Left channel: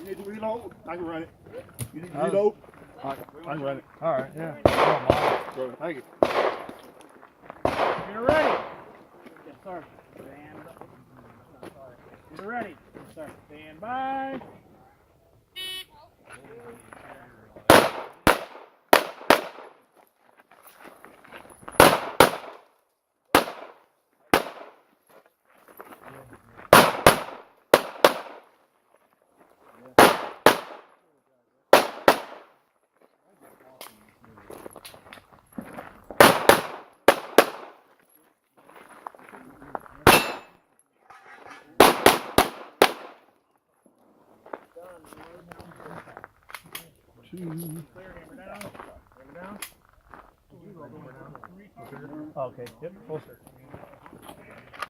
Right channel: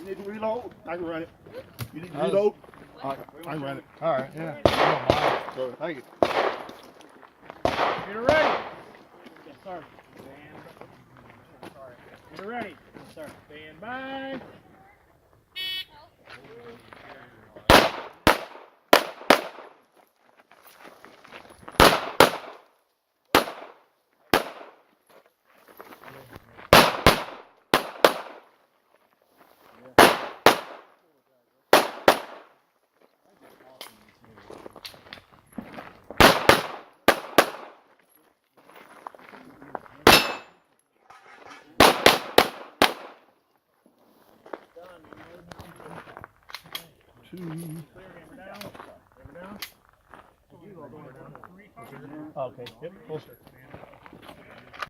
You need to reload? I can run it. You need to reload? I can run it. All right, yeah. Throw it. Thank you. Get ready. Yes, sir. Get ready. Yes, sir. Stand by. Clear, hammer down. Hammer down. Okay, yep, closer.